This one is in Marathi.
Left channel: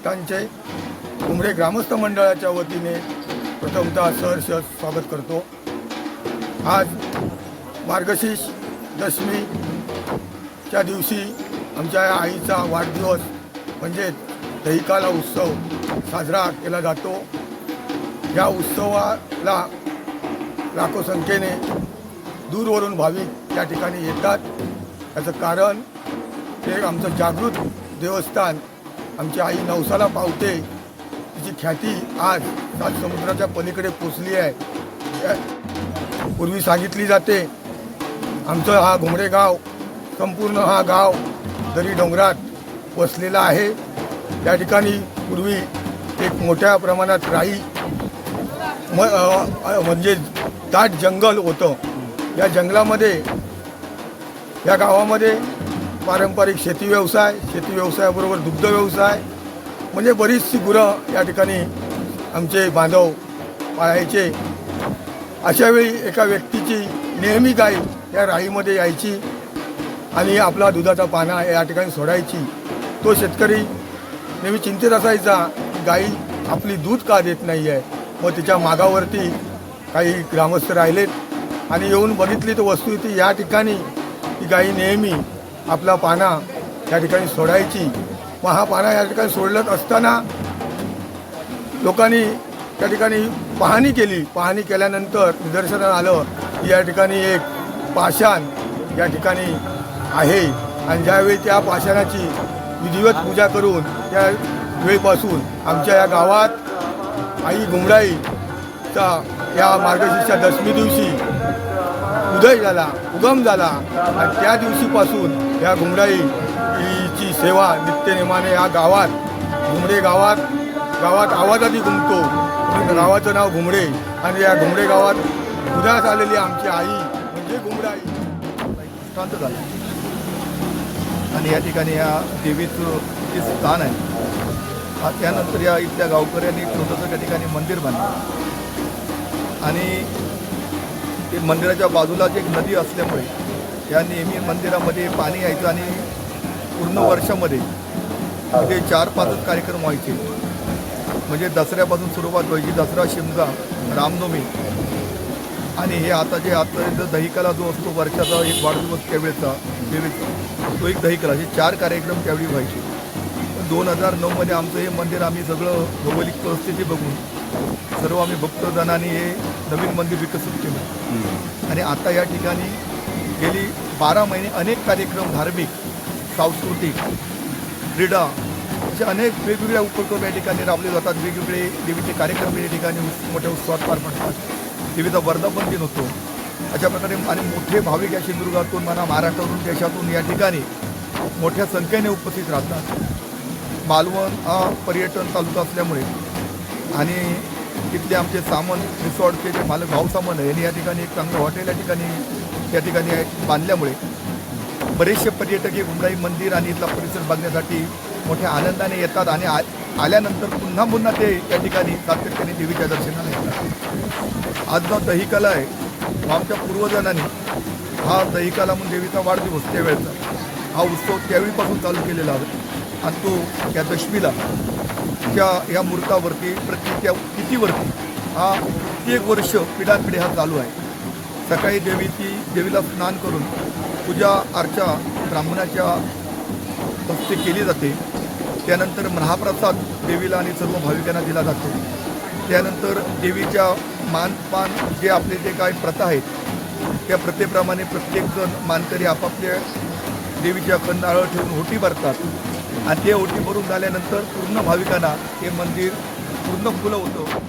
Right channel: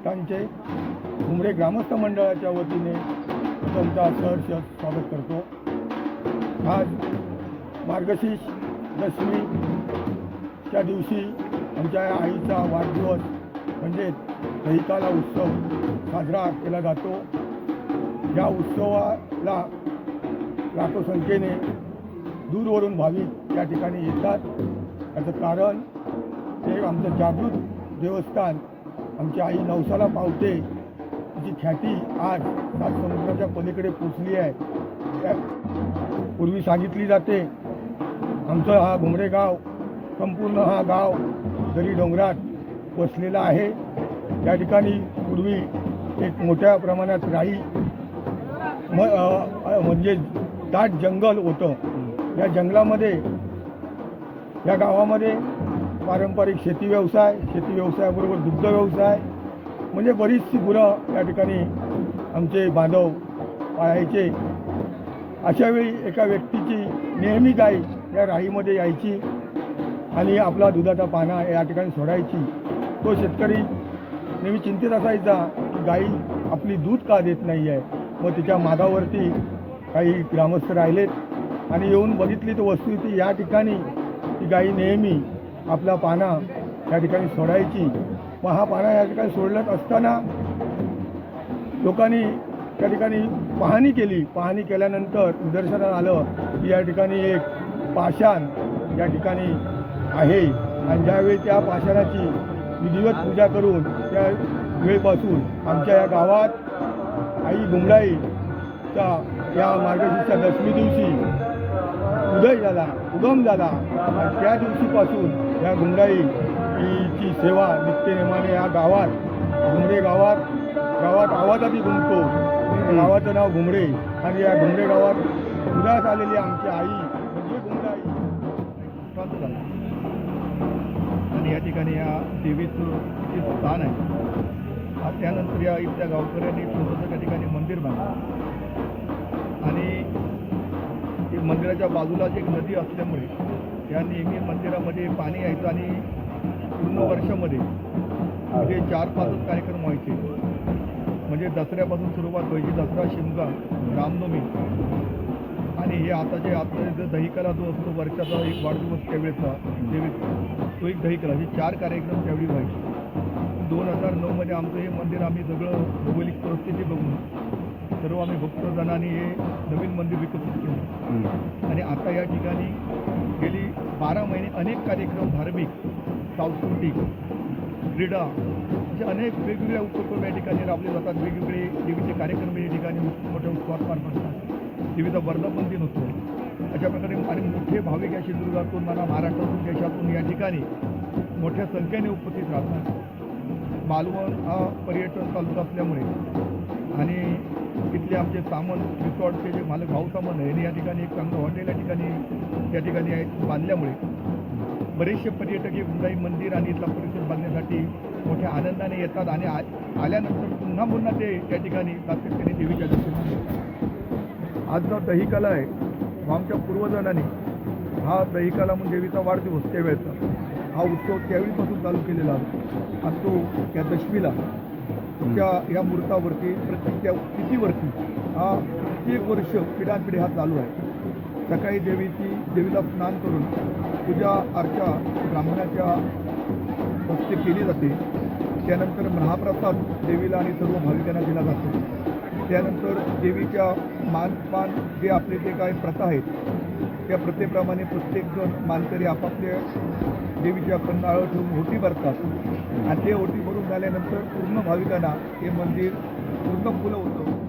भक्तांचे उमरे ग्रामस्थ मंडळाच्या वतीने प्रथमतः सहर्ष स्वागत करतो. आज मार्गशीर्ष दशमीच्या दिवशी आमच्या आईचा वाढदिवस म्हणजे दहिकाला उत्सव साजरा केला जातो. या उत्सवाला लाखो संख्येने दूरवरून भाविक त्या ठिकाणी येतात. याचं कारण ते आमचं जागृत देवस्थान आमची आई नवसाला पावते. तिची ख्याती आज सात समुद्राच्या पलीकडे पोचली आहे. पूर्वी सांगितली जाते आमचं हा घुमरे गाव संपूर्ण हा गाव दरी डोंगरात वसलेला आहे या ठिकाणी पूर्वी एक मोठ्या प्रमाणात राई म म्हणजे दाट जंगल होतं. या जंगलामध्ये या गावामध्ये पारंपरिक शेती व्यवसाय शेती व्यवसायाबरोबर दुग्ध व्यवसाय म्हणजे बरीचशी गुरं या ठिकाणी आमचे बांधव पाळायचे. अशावेळी एका व्यक्तीची नेहमी गाय या राईमध्ये यायची आणि आपला दुधाचा पाना या ठिकाणी सोडायची. तो शेतकरी नेहमी चिंतेत असायचा की गाई आपली दूध का देत नाही आहे? व तिच्या मागावरती काही ग्रामस्थ राहिलेत आणि येऊन बघितली तर वस्तू ती या ठिकाणी. ती गाई नेहमी आपला पाना या ठिकाणी सोडायची. व हा पाना या ठिकाणी सोडलत असताना लोकांनी त्या ठिकाणी पाहणी केली. पाहणी केल्यानंतर निदर्शनात आलं की या ठिकाणी एक पाषाण या ठिकाणी आहे. आणि ज्यावेळी त्या पाषाणाची विधिवत पूजा करून त्या वेळपासून आमच्या या गावात आई घुमराईचा या मार्गशीर्षच्या दशमी दिवशी उदय झाला उगम झाला आणि त्या दिवशीपासून या घुमराईची सेवा नित्यनेमाने या गावात घुमरे गावात गावात आवाजाती घुमतो. गावाचं नाव घुमरे आणि या घुमरे गावात उदास आलेली आमची आई म्हणजे घुमराई शांत झाला. आणि या ठिकाणी या देवीचं जे स्थान आहे त्यानंतर या इथल्या गावकऱ्यांनी छोटंसं त्या ठिकाणी मंदिर बांधलं. मंदिराच्या बाजूलाच एक नदी असल्यामुळे या नेहमी मंदिरामध्ये पाणी यायचं आणि पूर्ण वर्षामध्ये ते चार पाच कार्यक्रम व्हायचे. म्हणजे दसऱ्यापासून सुरुवात व्हायची. दसरा शिमगा रामनवमी. आणि हे आता जे आता जो दहिकाला जो असतो वर्षाचा एक वाढदिवस त्यावेळेचा देवीचा तो एक दहिकाला हे चार कार्यक्रम त्यावेळी व्हायचे. दोन हजार नऊमध्ये आमचं हे मंदिर आम्ही सगळं भौगोलिक परिस्थिती बघून सर्व आम्ही भक्तजनांनी हे नवीन मंदिर विकसित केलं. आणि आता या ठिकाणी गेली बारा महिने अनेक कार्यक्रम धार्मिक सांस्कृतिक क्रीडा असे अनेक वेगवेगळ्या उपक्रम या ठिकाणी राबले जातात. वेगवेगळे देवीचे कार्यक्रम या ठिकाणी मोठ्या उत्सवात पार पडतात. देवीचा वर्धापन दिन होतो. अशा प्रकारे आणि मोठे भाविक या सिंधुदुर्गातून म्हणा महाराष्ट्रातून देशातून या ठिकाणी मोठ्या संख्येने उपस्थित राहतात. मालवण हा पर्यटन तालुका असल्यामुळे आणि तिथले आमचे सामंत रिसॉर्टचे जे मालक भाऊ सामंत आहे यांनी या ठिकाणी एक चांगलं हॉटेल या ठिकाणी या ठिकाणी बांधल्यामुळे. बरेचसे पर्यटक हे उमराई मंदिर आणि इथला परिसर बघण्यासाठी मोठ्या आनंदाने येतात आणि आ आल्यानंतर पुन्हा पुन्हा ते त्या ठिकाणी सातत्याने देवीच्या दर्शनाला येतात. आज जो दहिकाला आहे तो आमच्या पूर्वजांनी हा दहिकाला म्हणून देवीचा वाढदिवस त्यावेळेचा हा उत्सव त्यावेळीपासून चालू केलेला आहे आणि तो या दशमीला त्या ह्या मूर्तावरती प्रत्येक त्या तिथीवरती हा प्रत्येक वर्ष पिढ्यानपिढी हा चालू आहे. सकाळी देवीची देवीला स्नान करून पूजा अर्चा ब्राह्मणाच्या हस्ते केली जाते. त्यानंतर महाप्रसाद देवीला आणि सर्व भाविकांना दिला जातो. त्यानंतर देवीच्या मानपान जे आपले जे काही प्रथा आहेत त्या प्रथेप्रमाणे प्रत्येकजण मानकरी आपापल्या देवीच्या कंदाळं ठेवून होटी भरतात. आणि ते ओटी भरून झाल्यानंतर पूर्ण भाविकांना हे मंदिर पूर्ण फुलं होतं.